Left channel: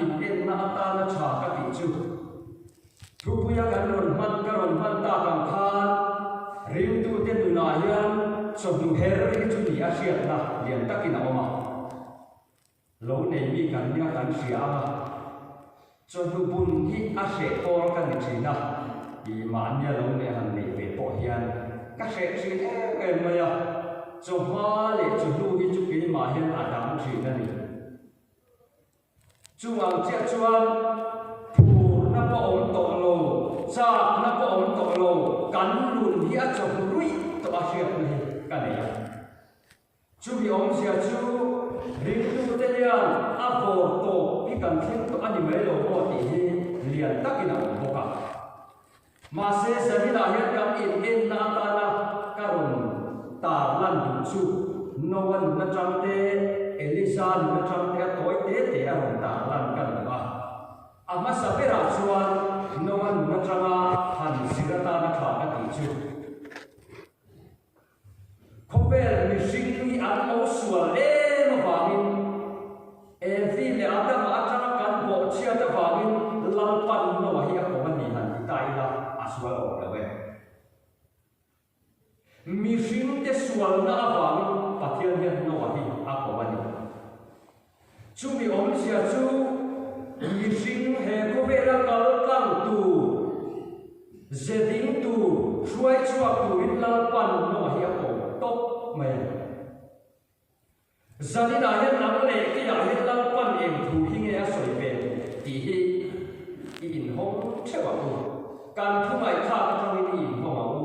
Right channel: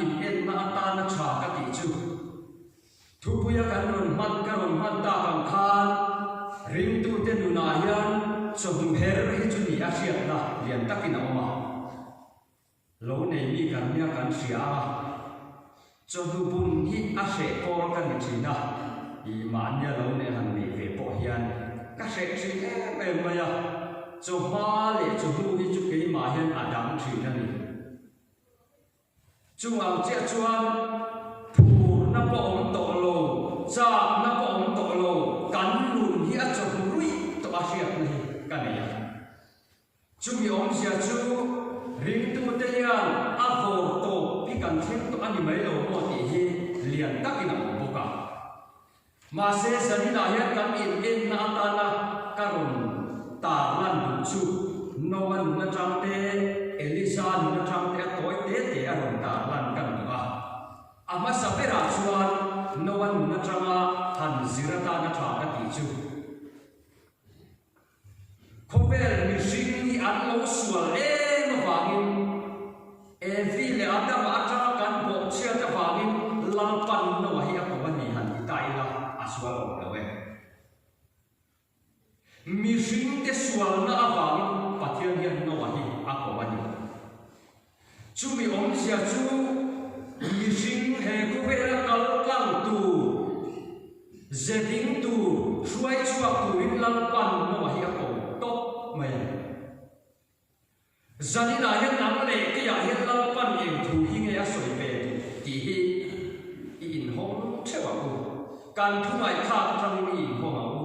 in en na ta na cha ka ti chu thu puya kan ron man ta kam khan rim tu te nu na hian so nu her ri chu ni a hriat na lian takin a oma lo nei mi kan nia kan sia cho nu bun hi a se por kan ni china i ma nia lo ne han nei ve po hian ka se chin em ma ya cho ma le cho nu hi chu ke ma hian a dang thina ni chung ang chia chuan phu na po om to lo cha na po om to lo kan lun hi a cho nu rui to a hriat ni ka nei chu mi om sia chu ring tu te yan a vo to pi kan thim to ani mai lo mo ti hi lian takin a om boka ma se sanina hian kam in na ta na karun ta lan du chu no wan na chang te elisa na chang te toy te a ron ta lan kan ba ama sapera chuan no wan na changa han zirata na tha ka ti chu khobel mi sing an lo sual no wangin vi le adam ata kan bo chia ta wangin lang pan no hi a ko ni han tai la aswal o la we mi sing te sual na wangin pathian hian no hi a ko ni chu mi om sia chu mi sing he ko ve la kal kang tu zeding tu shuai chua tu in lang pan no hi a ko top mai zanina hian ang le ke ya hian lang pan em thu hi nge a soi ve ti hi in hong chewa ku kan thu mai kha tang ni hong a u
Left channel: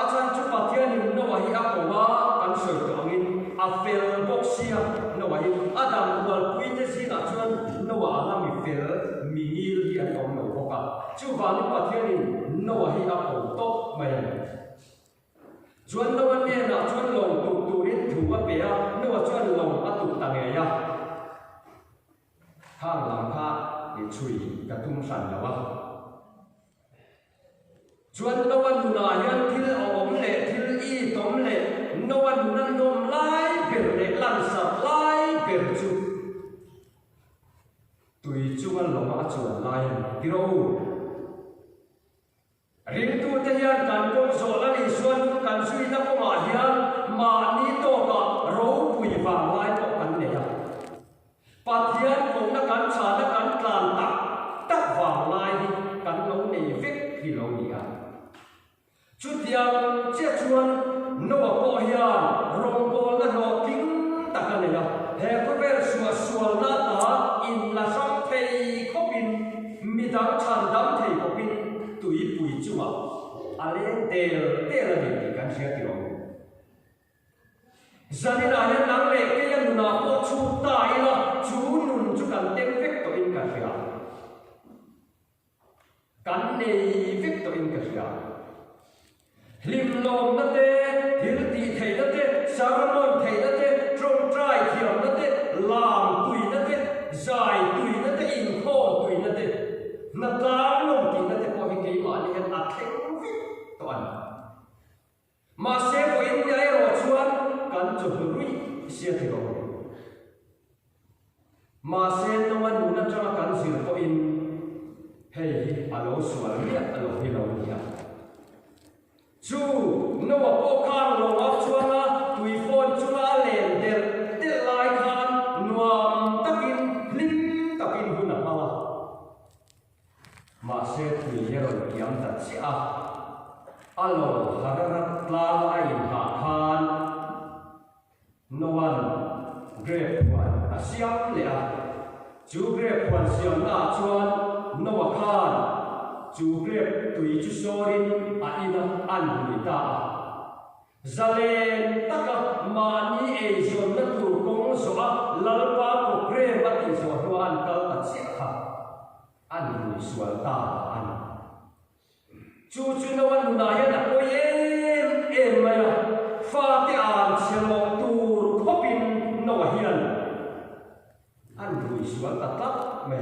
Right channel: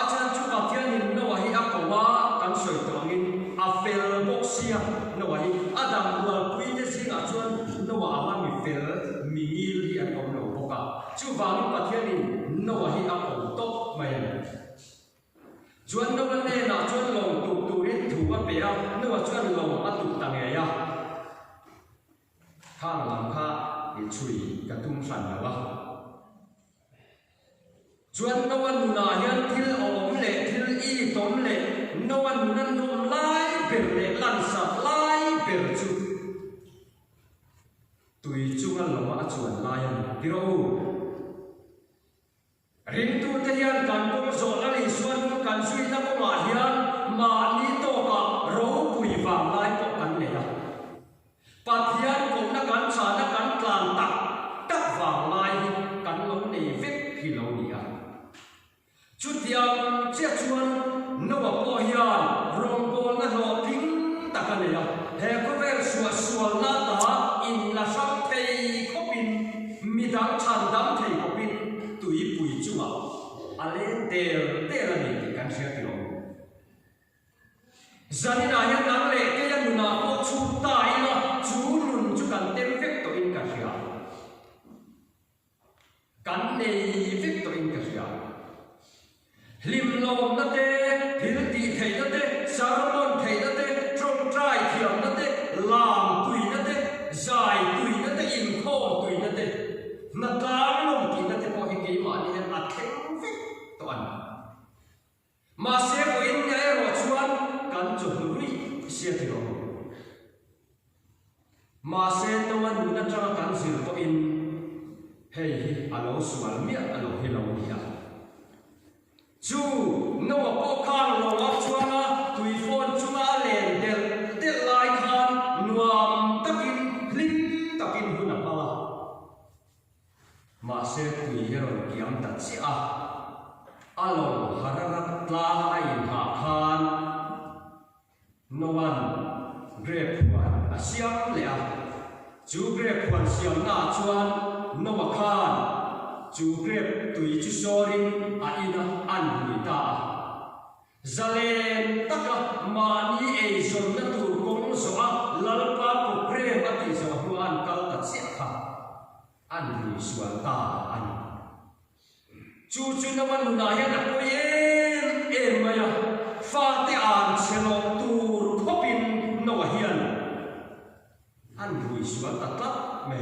a chan chu pathian in no hi a ko wa kan soi to angin a fel boxia no hi adam wal pui te singa chuan no wa ama mi fel mi ngil hi an om lo boka chu wa ni pathian in no hi a ko top mai chuan no ne na chuan long tu tu rin thu wa pe a no wa chuan long a tu ta nge ya thang lam kha ni chui ka tum san la wa chuan no wan na hian thil om le thil i tom le no wan nan dom lai ber le lan sa lai ber chu tui chungan lo ma chuan lai piro ring tu te hian kan kong zo la ni suan kan sui la ko ma hian ma ni to ka ro pui wang lai ko kan le la pathian ko na kan cha na kan tlan tak tak wang lai kan lo nei vek hi lo ni a chu tiang che chuan no wa po hian rong bo la lo ting tak ka le la he ko ver suwa sual na ta in la sak pei khopin mi dang chan dam thei khopin tui pui chuma alen tel ni kan sia ki lo zanina hian ang le ke la nu na po chu ta ila chu nun chu kan tem vek to in ka sia kan nei vek to in ka sia lim lom na te thil ti thei na te sarmon thei na te trong trai thiam na te lam tui na te zai tui na te in kho tui na te na tlang lom ti na te po hi ke ma ni an a theng vek to an ma se po in ngai ro chuan kan chu hlui sia ti ro ma se no wan na cha kan sil po in hei alo sual miat alo hi lo ni a chu no wa po khang lo wa chuanga tui phone chunga len del lai khan nuam takin lim takin huna pala ma se tui hero kiam ta chi a alo harara tla lai ha khan no one grape one asiam le a chu grape one siam na chuan no wa khan chu grape tui chu sorin a ina an ni ta zalen taka mani e zon na tu kong zo a lalpa ko pre ba ti zo ruan kal ta chi kha an ni sual ta an chu chu na wan na ya na ko em ma ya fa ti an chelo tur khopin no hian an ni sual ta ta me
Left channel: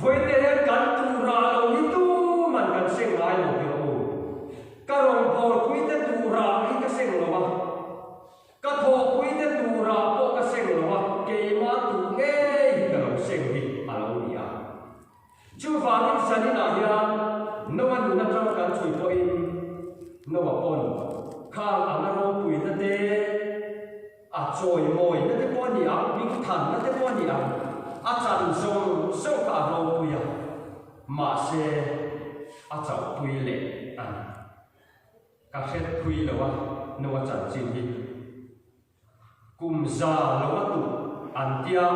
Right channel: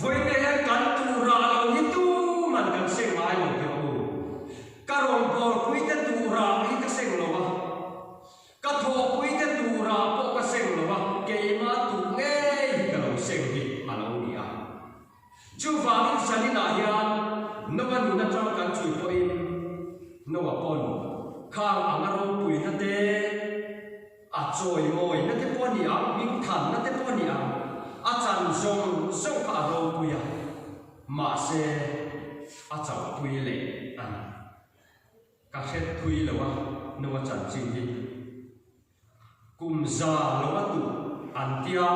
voi ne kan tu ra lo ni tu man kan seng ai lo ti o ka rong bol pui te tu ra hi ka seng lo wa ka tho pui te tu ra po ka seng lo wa ke ma tu nge chu vangin sanina hian no anu na tang kan chui po in no wa pon khang angaro pui na te a choi moi na te pon ni ang bing than na te pon ni ang a chan zong so ka ro puya ma se a chau pui le an ka khet pui lo wa no wa chan chin hi kum za lo wa tu an tia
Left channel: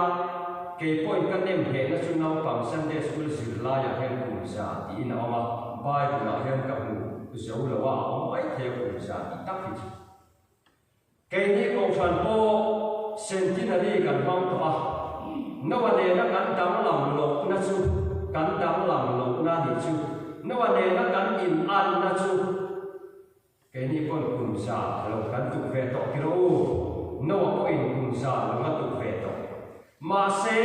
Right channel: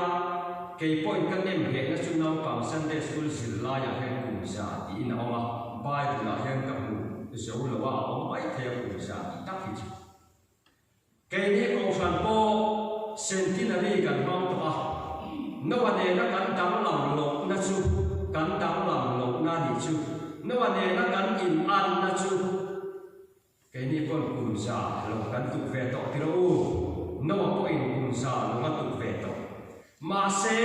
ke point kan nem he na chu nong pang Sunday school zil la ya hen kum za ti na ma bai tu la hen ka mu zo lo wa om bai the kum za ti tak hi ke ni ko san po centenary kan mam to a no wa ne na kan dam lam lo na chu kan dam lam lo na ni chu no wa ne na kan in an na chu ke ni pon kum za lo kan tu ve to ti ro no wa po in kum za lo nga tu ve to ma se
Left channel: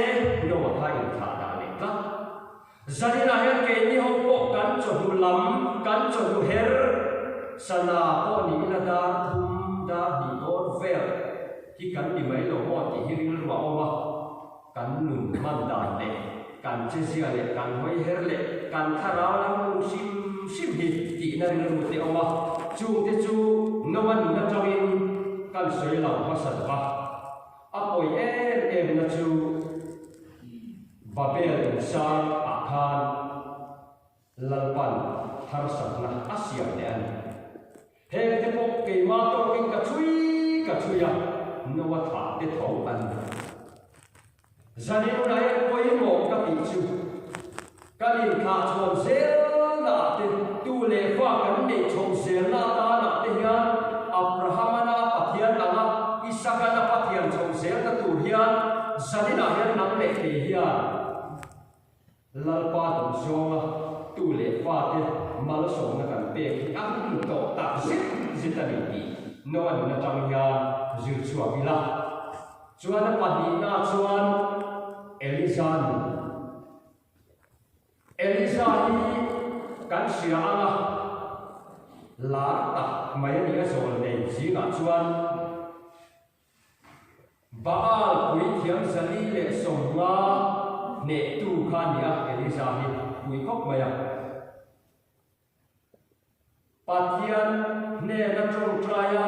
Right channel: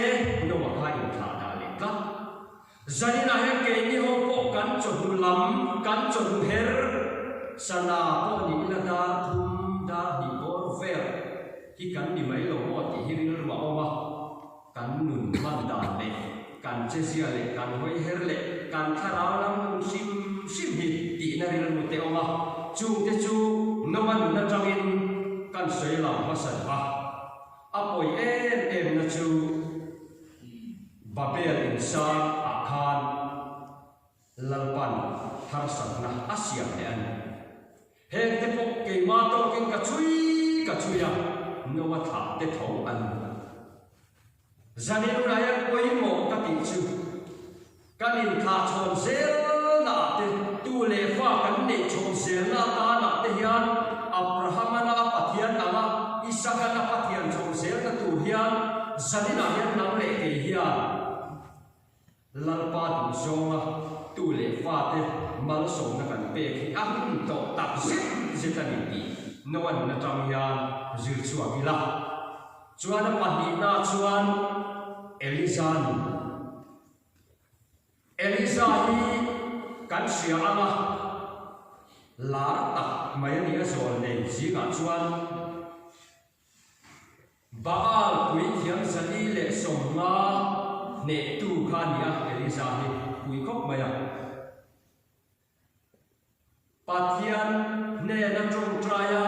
no wa ha in tha da le ka zani na he ke ni ho po kan chu lam kan chu her sana po ni na da thum da hi dor ve ki kan ni mai lo mo ti hi rin wa wa kan nun man da le kan che sia le kan hoi her le kan tharau lam sim sim hi ti na rin mo te oma chu te chu no man na tawin kan sei lam ha san ba apoi em na chu babel insan akhan lalpan har sakna asia le an he te pok ke ma to king ka chui ya no wa tha te thau an zani nu lai koi mo ka ti chu ka lin tha chon zel na te tu le fa kan ne chon zel na ta na te hian abraham na pathian ama isaka na pathian chon zel na tu hian zani na hian nang le ke hian lalpa tu zonga tu le fa te mal som na kan pe ki ang to ta zit ta ni no an na tam hian zir chua bila chuan a pahni na chuan Eliza hi kan sia anga la ta mai ni a zol nei zinga chuan Baal pui thiam zali le somnga ne tu kha nia Eliza hi pui kok maya pathian ne na trong traya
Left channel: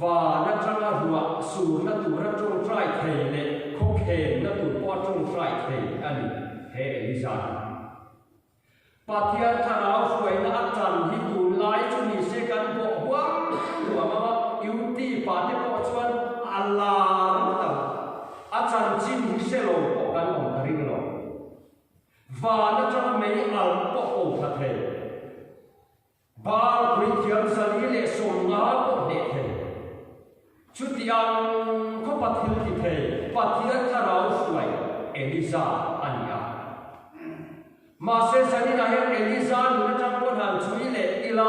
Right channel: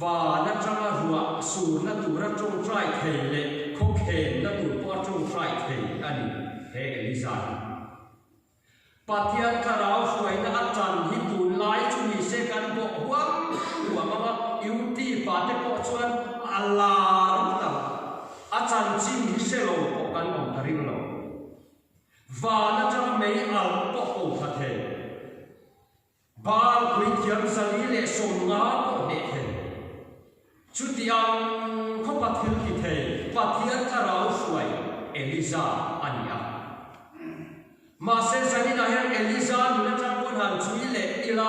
và na changa ruwa su na tu ra trong trai thei le khok he na tu pa trong trai thei ani he Eliza pathian tharau suai na achan hi tu lai chu ni se kan bo wa ma yuti pa te ko chuan Allah ta achan chin hi se lo ko kan om karin lo và na changa mei al po ko pha the bal pui thiam sali le som nga ko ne the chutiang ko pathil ki the pathian tharau suai Eliza ania ma se sani na hian Eliza na chang ko han chui le ila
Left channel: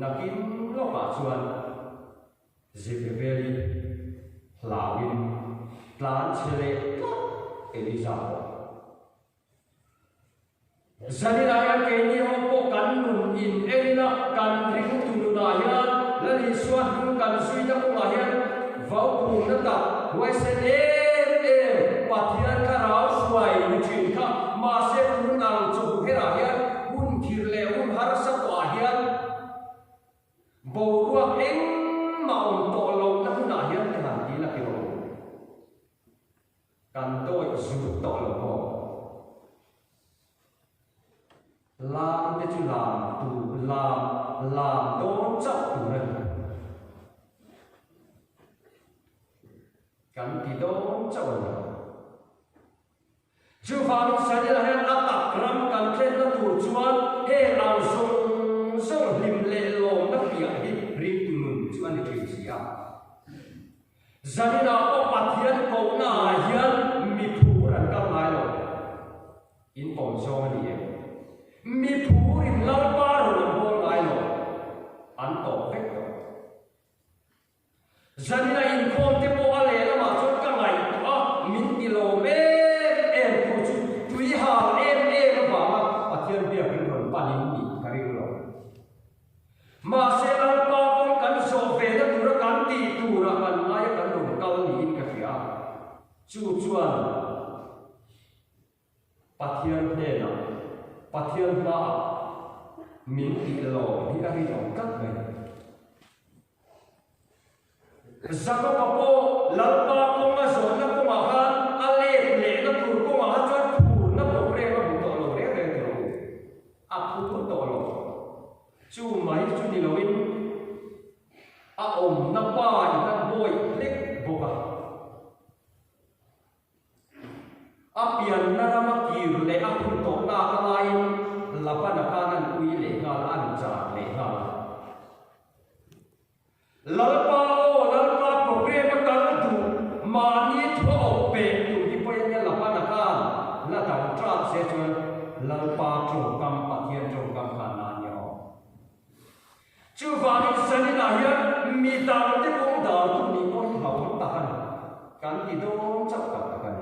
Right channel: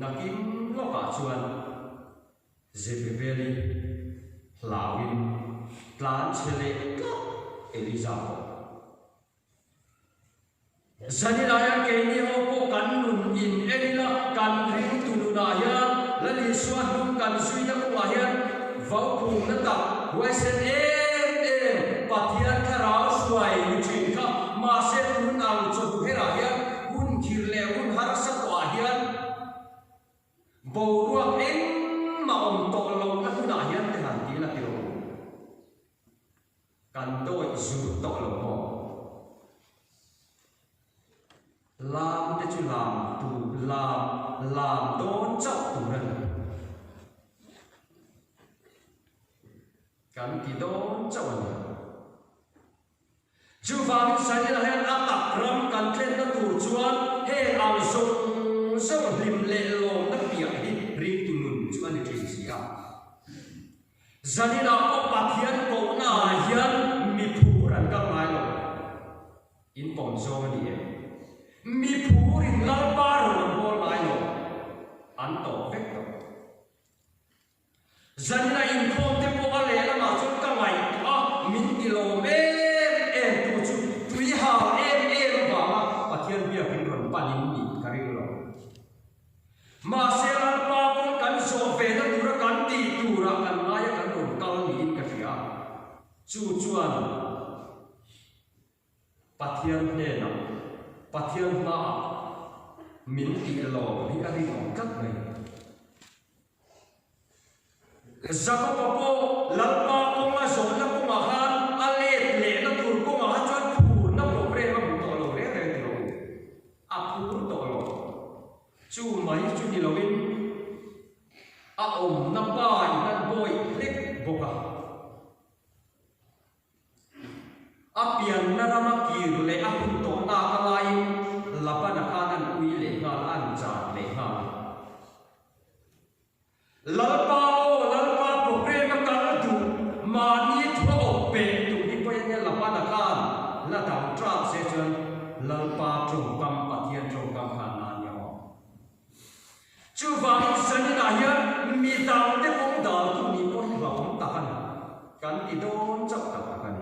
nakin lo ka chuan Zebeli hlawin tlan chele Eliza ko sani na hian ke ni ho ko kan nun in elila kan ring tu na hian lali suan kan sui da ko hian vau pu na ta wai se pathian tharau suai ni thin kha ma se hun ang chu hera hian hun thir le hun har sa to hian bo ruak eng ma om to lo na huna hian te han ti la ti ro kan doi zu to lo mo lam te chu lam tu lam don chap tu na kan ti don chap na chu phang sai la hian atak ram kan tlen na tur chuan he ang song lim le lo na pia hi ring tu nun chuan ni thin sia zanina ko pathian ko na hian mi phu ran ka mai lo in pom zong ni mi phu in la pa ro ko mai lo an to vek to zanina in pom te po ale la ma chon ka mai a min ti lo me pathian bia kin ron panin ni karing lo ma se la pa kon kan so fe na tur kan ki tur kan mai kan ron kal ni ka fia chu chuan pathian ne na pathian na min ti lo ni ka ri lo kat me zaka papo lalpa ko ma zon na ko ma han ale le na tur ko ma ha chan pu na ko pre ma bu to lo re lo a pu to lo chu mai chu ni lo in a om na pa na boy lek boka a pian na rama kir le a pu to na ka lai la pa na kanan ui le ngal an cha le ngal lalpa program kan tu mani tho pe tu di pa ne la pa na kan la ta tra se chen lalpa chung kam pathian chung kam khana nyo chu va ni san ni la ya mi dang te kong da tu ni ko la ta kan ki don chak ta kan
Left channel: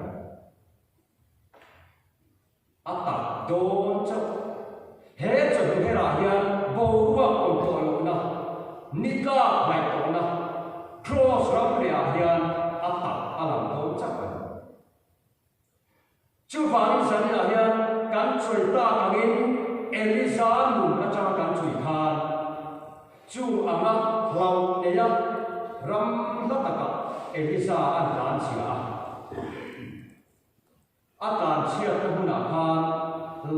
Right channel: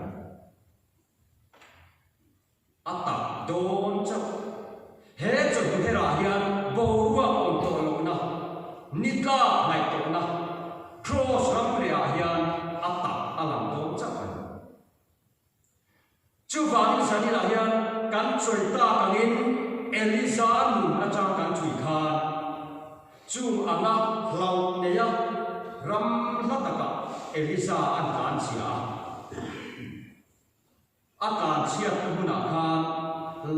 a ta don chak he chu he ra ya bo wa on to lo na ni ka mai to na cross ram ria hian atak alam do chakon chu van sani la hian kan chui ta kangin Elisa nu na cha kan chui kha chu anga hlau ne ya ram lataka Elisa an kan sia akan sia tu na kha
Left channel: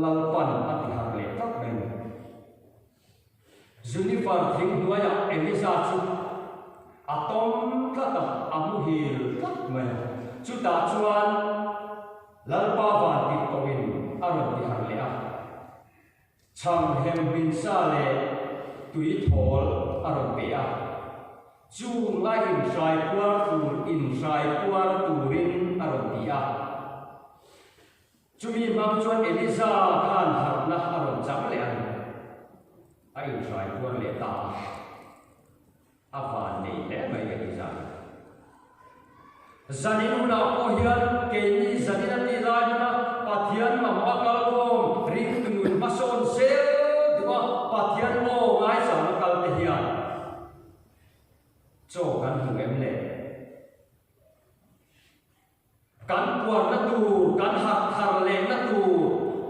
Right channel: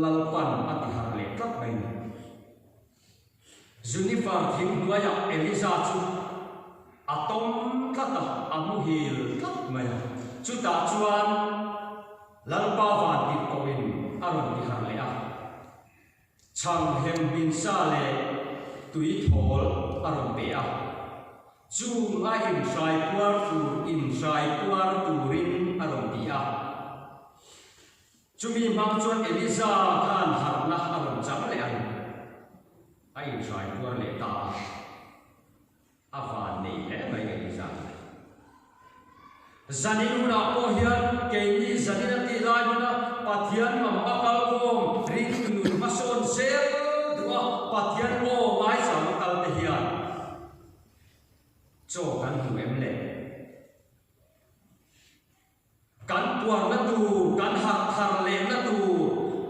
lalpan ati har le tak ben Zunifar thing duaya Elisa chu atom kata amuhil tak maya chuta chuan lalpa van ti koin aron ti har le a chang hem bin sa le tui thol aron te a chu nga in sai kwar turin aron ti a chu mi mang chuan Elisa khan har na aron cham le an ai sai kwar le ta avan nei le mai mai zan zaninu na ko hian ke ni zanina ti lai na pathian ma ma kal kom ri tu ma son sel dua pathian mo ngai sa ma kal te hian cho kan hu em le kan puan na tu kan hak thar le na tu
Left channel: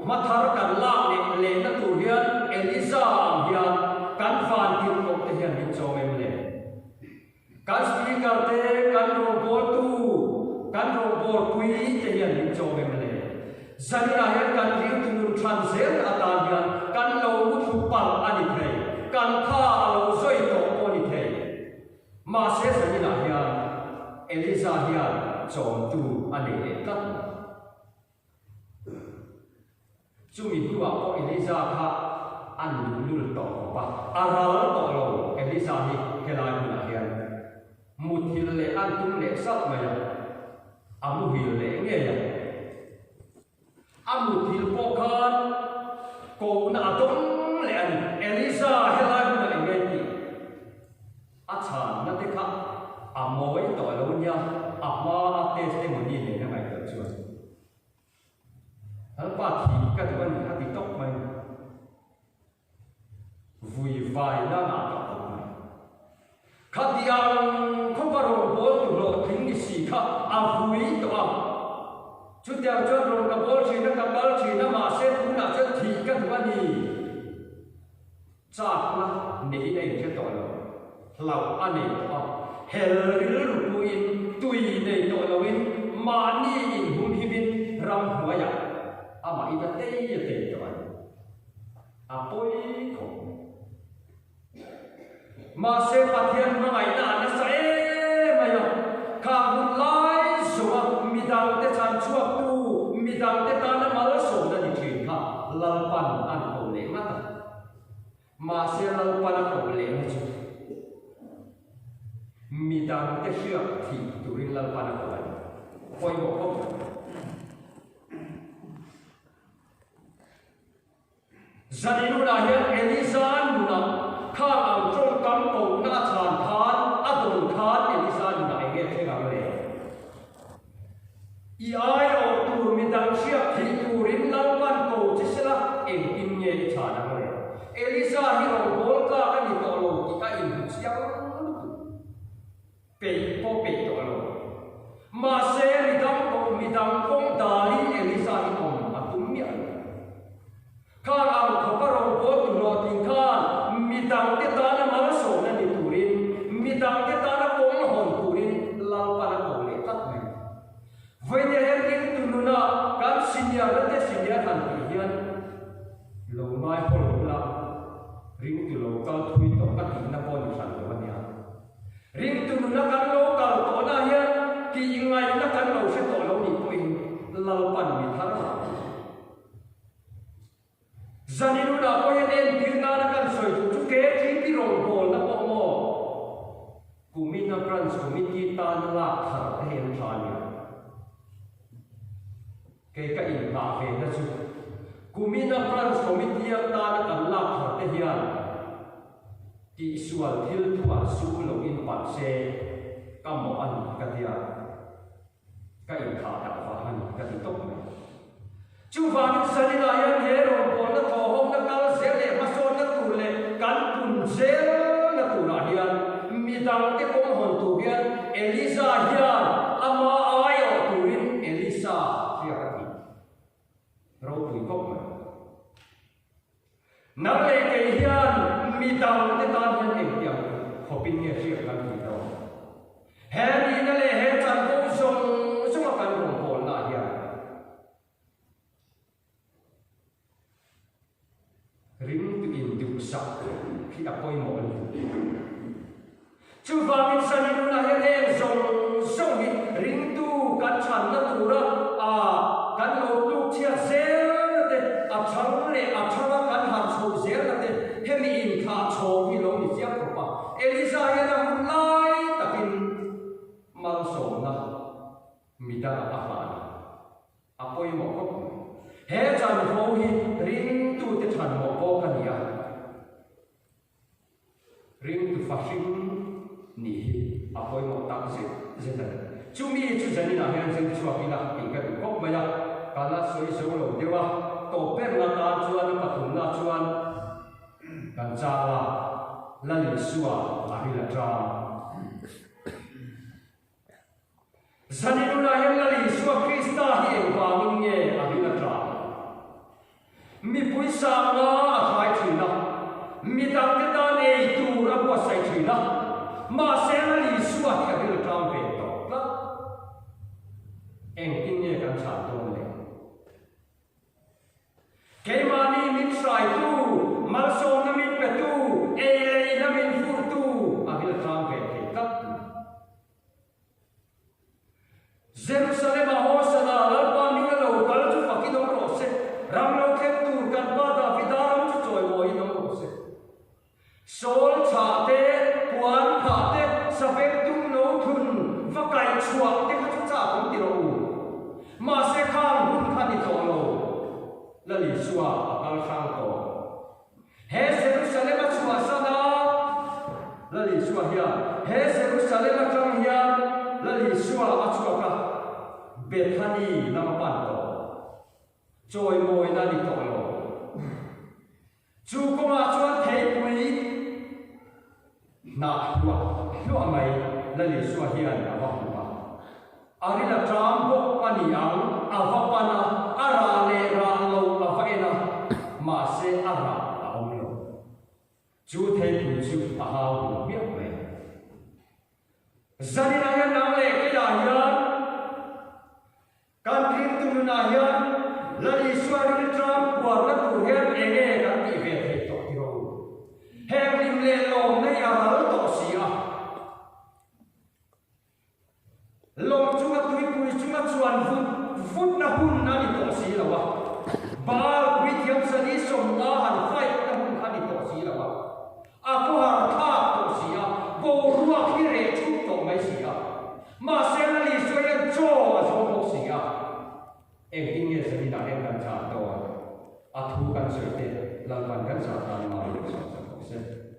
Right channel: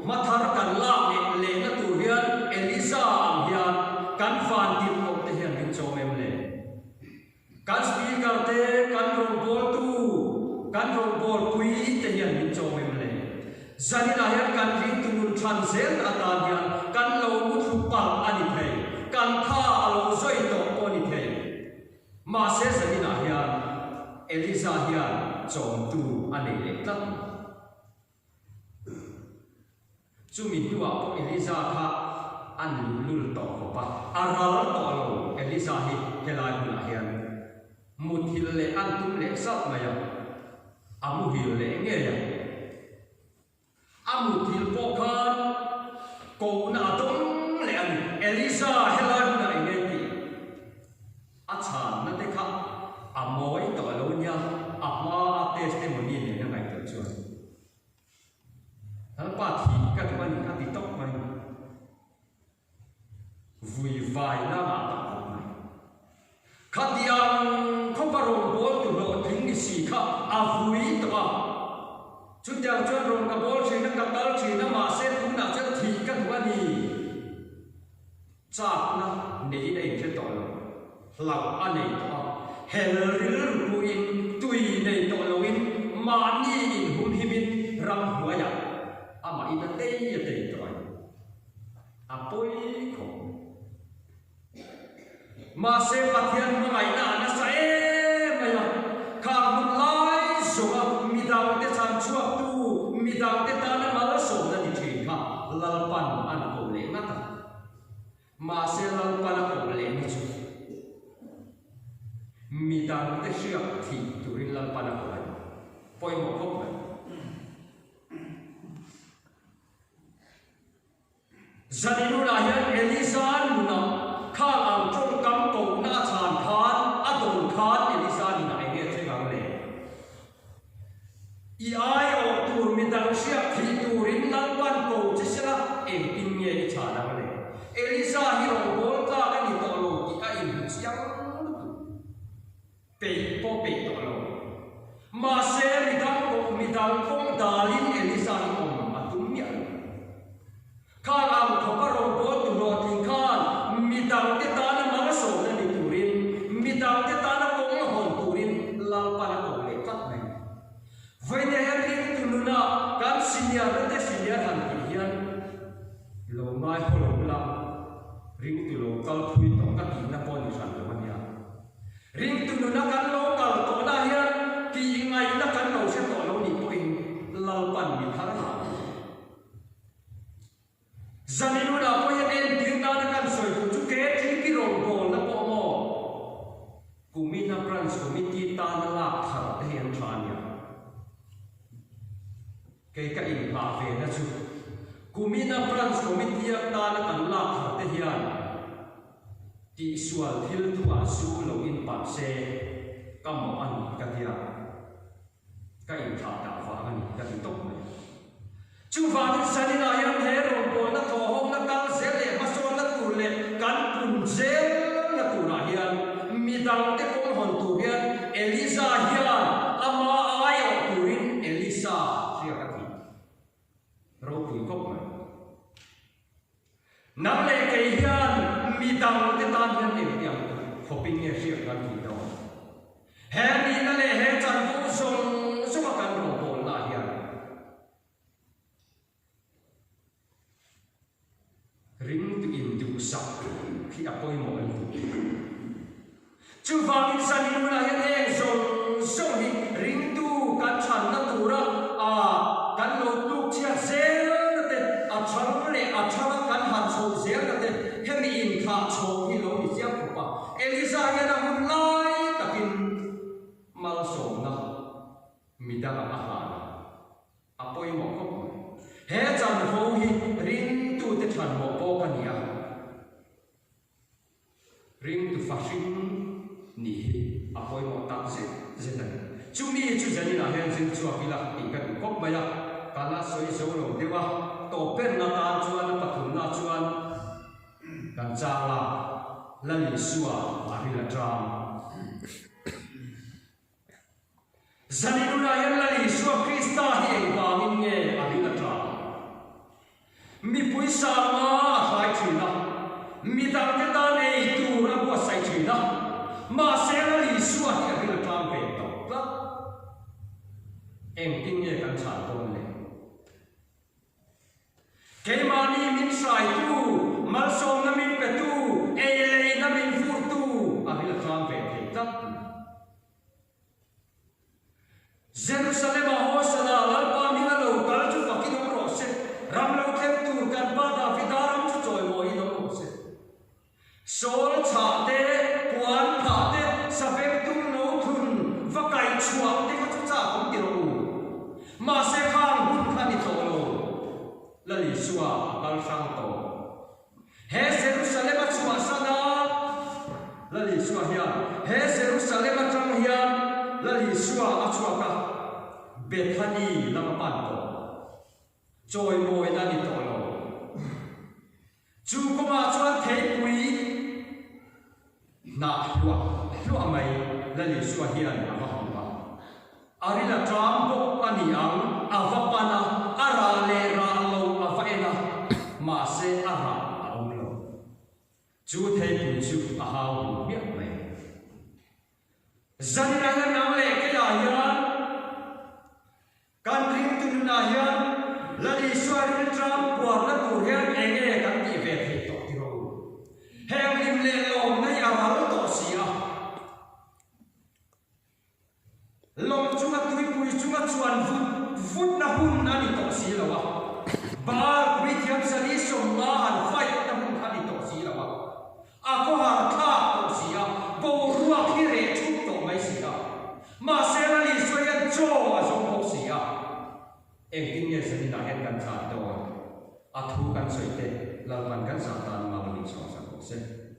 ma thar kan lak le na tu hian Elisa hian kan van ti ko te hian ni cho em le kan speaker te kan robot tu kan robot pui te hian min cho mem le zanina hian kan ring tu nun than zel atan hian kan lo mu thu pal ani thei kan tha alo zoi to oni thei ma se zanina hian Elisa hian chom tu ani le tat chumi tua ko Elisa kha an lul to pa aral to lo Elisa hi helai la hian muthil le an tum le sat maya amuhil le nge ya amuthil po khan ko na dong le an Elisa helai na nge ti a chan na te kha amoi to lo nya ama testimony ne na ngai ta chuan hal pa thi ka ban ka ti tok mai vui vai na na ta khatiang khoparo bol tu lo thing ni si kha avui to a chutiang chuan rong ka bol thina ka kal thina ma se pu na chan thi ka wani chak na nei nei che to lo lau anei to hel ril ru in tui nei to lo in ma ni in hun hibin ram huaya ama ina te to ai apoi ko ma se pathian ma ngai na na sa e maya kha hun lai so mi dau te chan chua tu mi dau te ta na mal so na ni thi kha lalpan an ko le ngata ma se lalpan ko le ni chu mi dau te sia thi tu rin lalpan ko ai poi mo ko zaninu la hian Elisa nu na kha ang trong kam ko na chan khan adon khan Elisa na ai nge che gang le i ai o tu mi dang sia thi tu rin lan pan ko che sela e tin nge cha na le Elisa hi ro bol ka ani to lo ki a in chiang pe po pe to lo ma se mi dang ko mi dang ko dalin Elisa ni om atum mi midang te ta na mang so na ni turin midang te ta na kong hon turin lal pa na ko le tat mai vai ne han ring tu nu na kan senior na te senior han ki hian lo mai hol la ring tu lo kal thui to ka ki na pon san lo ania ring tu nu na kan lo kal to na hian ki ngai na kan lo se to lo ni po in lal pan mi thar na zaninu da po hian en king na kan soi tu chu ke thi ki rong bol na po mo kumina branch committee ta na la thar te hian thania ke ka in ba ve na chu kumina branch committee ta na kan la thar te hian ti sual thil tu a su lo in pat se kam mo an ka dia ka in tha ta wa an ka in tok me chu wa ni sani la yan he ro bo na tho hom na kal se le ma so na tu le kan pun se na tu ra hian mi dang te kong hon tu hian Elisa hian ama ayo tuin Elisa ria ka ti ro pui kop me nang le ke hian mi dang te tan hian em tiang khoping ne ria kan ti ro he ni na le he chan ko song song kan ro bol la hian ring tu in du sa khi apoi mo chu wang in san in la hian heng song song hi ring tu kan chan na tu ra a kan lo tu chia zel na te a chang le a chang kan han so zel na te hemi in kha cho hi lo ni siam ko pa Elisa hian a hun lai takin mal so na mida a ha na apoi mo ko he chan ho hi ring tu te than mo ko ka nia ring tu fashion ni apoi mo tak se zenan chumi chu jani na hian zen chu apila ti ka kop ma ya kala soi so lo dewa to pen na ta chuan pathum na chuan kan cha la la li suwa apila tram zani na hian la li suwa krista hi ba min nge apila tram mi pui sa ma a khai thina mi dang te ta nei tu ra bo sai thina ma se la li suwa ka bil tram pe to la em tin ye kan chan ton le ke ma ni min sai tu mal som na min ka tu e le na min fu tu a bil tram pe ta Jerusalem a hosana la pa mi la lo kal chu fakki dong ro se ram lo khem tu kan pa da vidaram chu choi moi dong ro se sol cha te puan pha te sabek tum no thun vakai chuak te ka chu cha kom ti ro ma se khang hun khani to lo la li suwa akal sang to he Jerusalem a chuwa sana la li suwa hiya he Jerusalem a tram hiya la li suwa a chuwa ka Bethany lam pan to choi moi na ni to lo chu ko ma chuan thei pui na hua mai la li suwa hian a va hu ba ari la tram bo ani ang a va pana ara le ra lo a va ena ma se ara a om lo chu thei pui chu a ha hu mi mai zani na hian na le ke ya hian kan ring tu na hian la li suwa ring tram kwar na tu hian enge kan ti ve thei to ti ro heng lim le lom nei a hal to sia lom chunga tui pui chunga chuan vut na hun na ni to si lawa bal pui thiam sali som na han fai na hun na ni to si lawa a ko har tha to sia bo ruwa ki re chu to mai sia ma se na li suwa yan cho a so ko sia ek tin ye sali na hen kan cha to a thu kan soi te lalpan kan sa tan ma lo sa se